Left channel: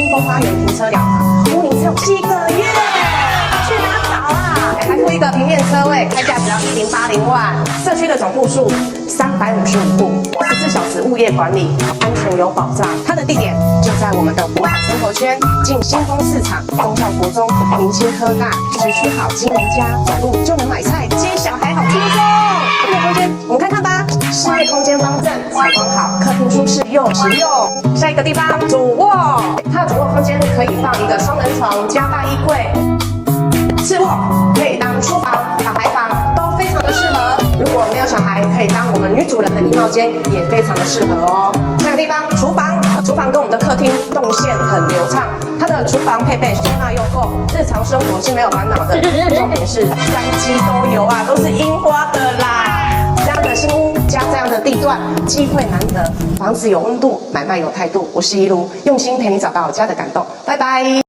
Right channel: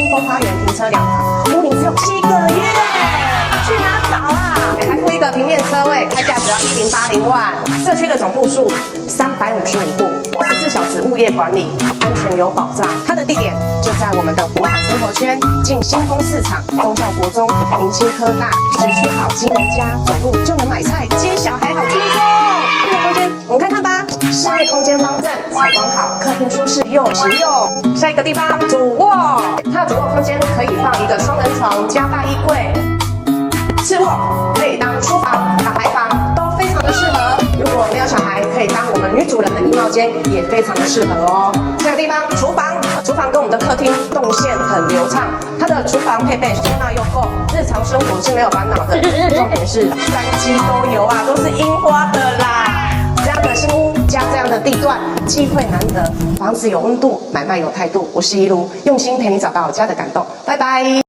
清风花园停车2房，屋龄只有7个月，去哪找啊？还附一个平面车位，开价只要1080万。社区的总户数355户，24小时物业管理，安全有保障。它的地点就在我们的国海生活圈，近新丰市场、忠孝国中、明清科大，时区好，金龙家，走路就能买菜，接小孩好轻松。这个空间我们看看吧，室内空间方正，采光好，客厅舒适又实用。下一个地方，主卧，它的主卧空间可以放一个双人床加大衣柜，次卧可以当书房、小孩房，都非常的适合。如果没有小孩，可以当我们女主人的衣帽间，也非常的适合哦。下个地方，厨房，厨房跟我们的客厅动线很流畅，它的厨房配备收纳又够，日常生活是没有烦恼的。重点是3机都有啊，都是樱花的啦。这样的新屋加这样的地段，机会难得，房子有温度，买卖有态度。我是一路用心陪你找到家的感动，拜拜。